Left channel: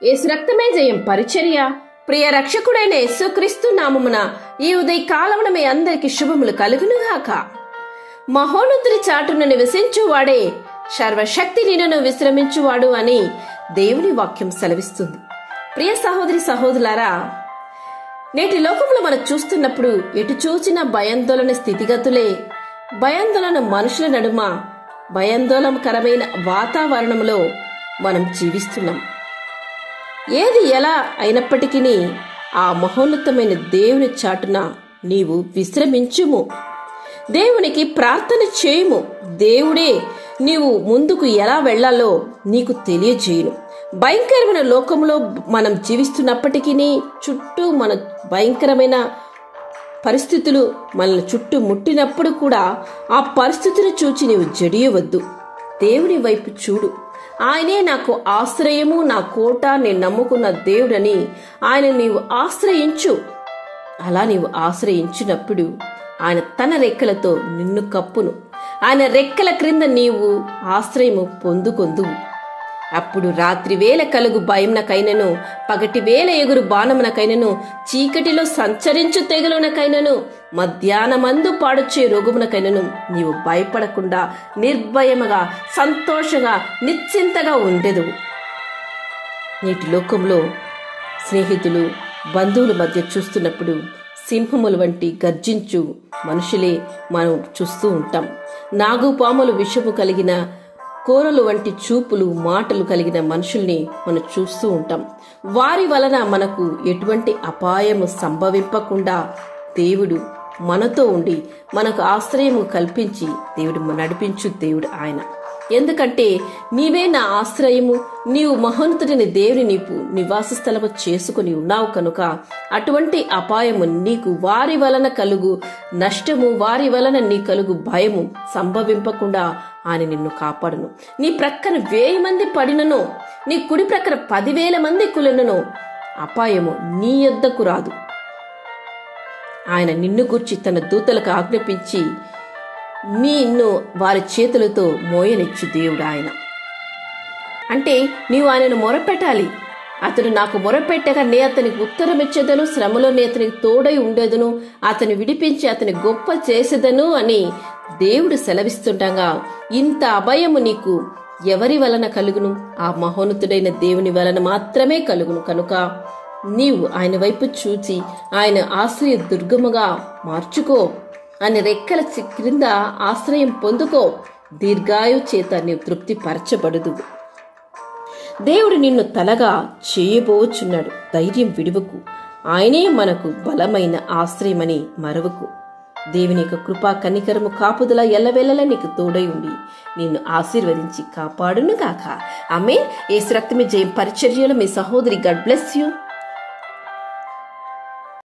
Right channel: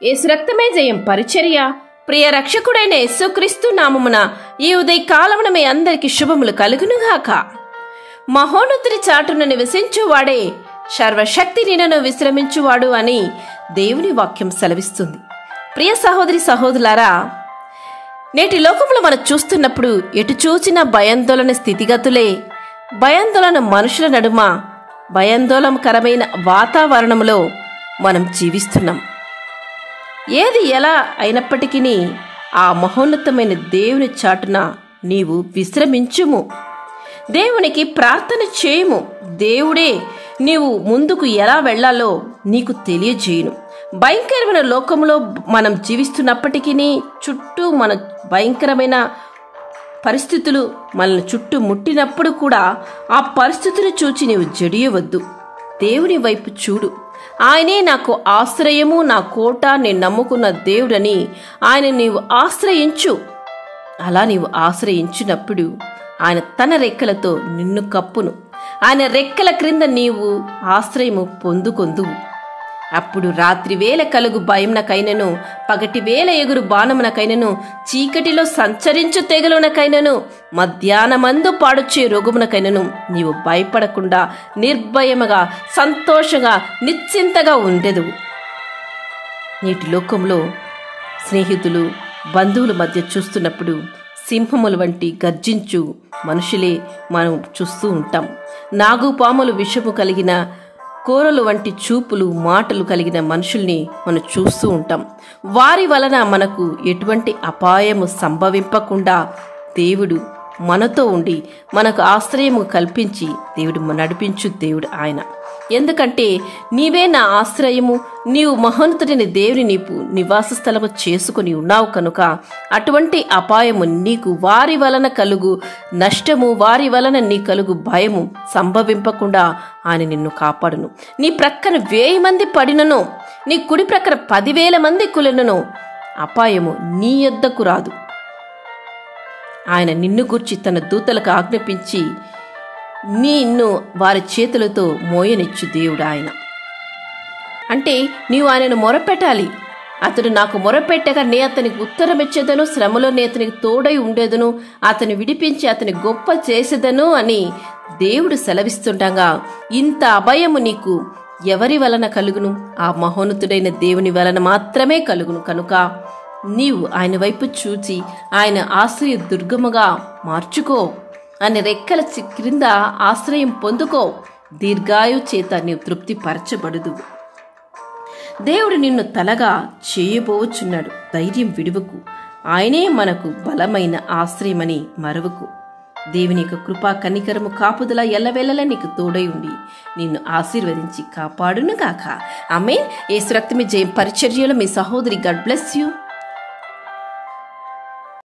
యేసు రక్తమే జయం పరిచర్య. ప్రియ రక్షకుడైన యేసుక్రీస్తు నామమున ఈ ఉదయ కాలమున మీ అందరికి శుభములు కలుగునుగాక. మహోన్నతుడి చాటున నివసించువాడే సర్వశక్తి నిన్నను విశ్రమించువాడు అని దేవుని వాక్యం సెలవిస్తుంది. ప్రియ సహోదరి సహోదరులారా, నేటి లోకంలో మనం చూస్తున్నప్పుడు ఎటు చూచిన భయాందోళన స్థితిగతులే. భయాందోళన మనుషుల నడుమ భయాందోళనకరమైన వాతావరణంలో మనం జీవిస్తున్నాం. ఏది ఎలా అయినప్పటికీ ఆ మహోన్నతమైన దేవుని చాటున నీవు విశ్రమించుము. దేవునికి ప్రార్థన చేయుము. దేవుడే నీవు ముందుకు ఎలా వెళ్లాలో నీకు తెలియజేయును. భయంకరమైన లోకంలో మనం జీవిస్తున్నప్పటికీ చుట్టూ మన భయంకరమైన పరిస్థితులు మనల్ని చుట్టూ ముట్టినప్పుడు కూడా ఆ పరిస్థితులు చూచి నీవు జడియవద్దు. దేవుని వైపు చూడు. ఆయనే నాకు ఆశ్రయము, నా కోట, నేను నమ్ముకున్న దేవుడని ఆయన నీవు ఆశ్రయించు. అలా నీవు ఆశ్రయించినప్పుడు ఆయన తన రెక్కలతో నిన్ను కప్పును. ఆయన రెక్కల క్రింద నీవు ఆశ్రయము పొందుకొందువు. అప్పుడు రాత్రి వేళ కలుగు భయమునకైనను, పగటి వేళ ఎగురు బాణమునకైనను, చీకటిలో సంచరించు తెగులునకైనను, మధ్యాహ్నమందు పాడుచే రోగమునకైనను నీవు భయపడకుండా నిర్భయముగా సంతోషంగా నిశ్చింతగా ఉండెదవు. నేటి లోకంలో స్నేహితులు బంధువుల మధ్య చూస్తున్నప్పుడు సింహముల వంటి గర్జించు మనుషులే మనం చూస్తూ ఉంటాం. నాగుపాములు విషము కలిగిన కోరలు వంటి చూపులు మాటలు కలిగిన మనుషుల్ని మనం చూస్తూ ఉంటాం. వారి వలన మనకు ఎటువంటి అపాయము సంభవింపకుండా దేవుడు మనతో ఉండి మనకు ఆశ్రయము కల్పించి దేవుడు నడిపించు దేవుడు ఆయన. ఎందుకంటే నీవే నా ఆశ్రయము, నీవు మహోన్నతుడిని దేవుని నీపు నివాస స్థలము చేసుకుని ఉన్నావు కనుక అటువంటి అపాయము నీకు వారి వలన కలుగు నష్టము, వారి వలన నీ కలుగు భయము సంభవింపకుండా ఆయన నిన్ను కాపాడును. నీ ప్రక్కన 1000 మంది పడినను, నీ కుడి ప్రక్కన 10,000 మంది కులెనను అపాయము నీ యొద్దకు రాదు. ఆయన నిన్ను గూర్చి తన దూతలకు ఆజ్ఞాపించి నిన్ను వారి చేతులతో మోయనిచ్చు దేవుడు ఆయన. అంటే నీవు ఆయనను మొరపెట్టాలి. అతడు నాకు మొరపెట్టగా నే అతనికి ఉత్తరం ఇచ్చేదను, శ్రమలో నే అతనికి తోడై ఉండేదను, అతని విడిపించి అతని గొప్ప చేసేదను అని దేవుడు సెలవిస్తుండగా ఇంత అభయము నీకు ఎవరి వలన కలుగును? ఆ మహోన్నతుడైన దేవుని వలన మాత్రమే కలుగును. కనుక నీవు ఆయన వైపు చూచి ఆయన ఆశ్రయ దుర్గముగా మార్చుకో. ఆయన రెక్కల క్రింద ఆశ్రయం పొందుకో. దీర్ఘాయు చేత నీవు తృప్తి పరచబడదు. దేవుడు నిన్ను తలగా చేయబోచున్నాడు. ధైర్యం విడువకు. ఆయనే మనకు బలమైన ఆశ్రయమని మరవకు. దేవుని యొక్క కృపా కనికరము కాపుదల ఎల్లవేళలా నీకు తోడై ఉండి నిన్ను ఆశీర్వదించి కాపాడును గాక. ఆమేన్. యేసు రక్తమే జయం పరిచర్యలో మీ సహోదరి. God bless you.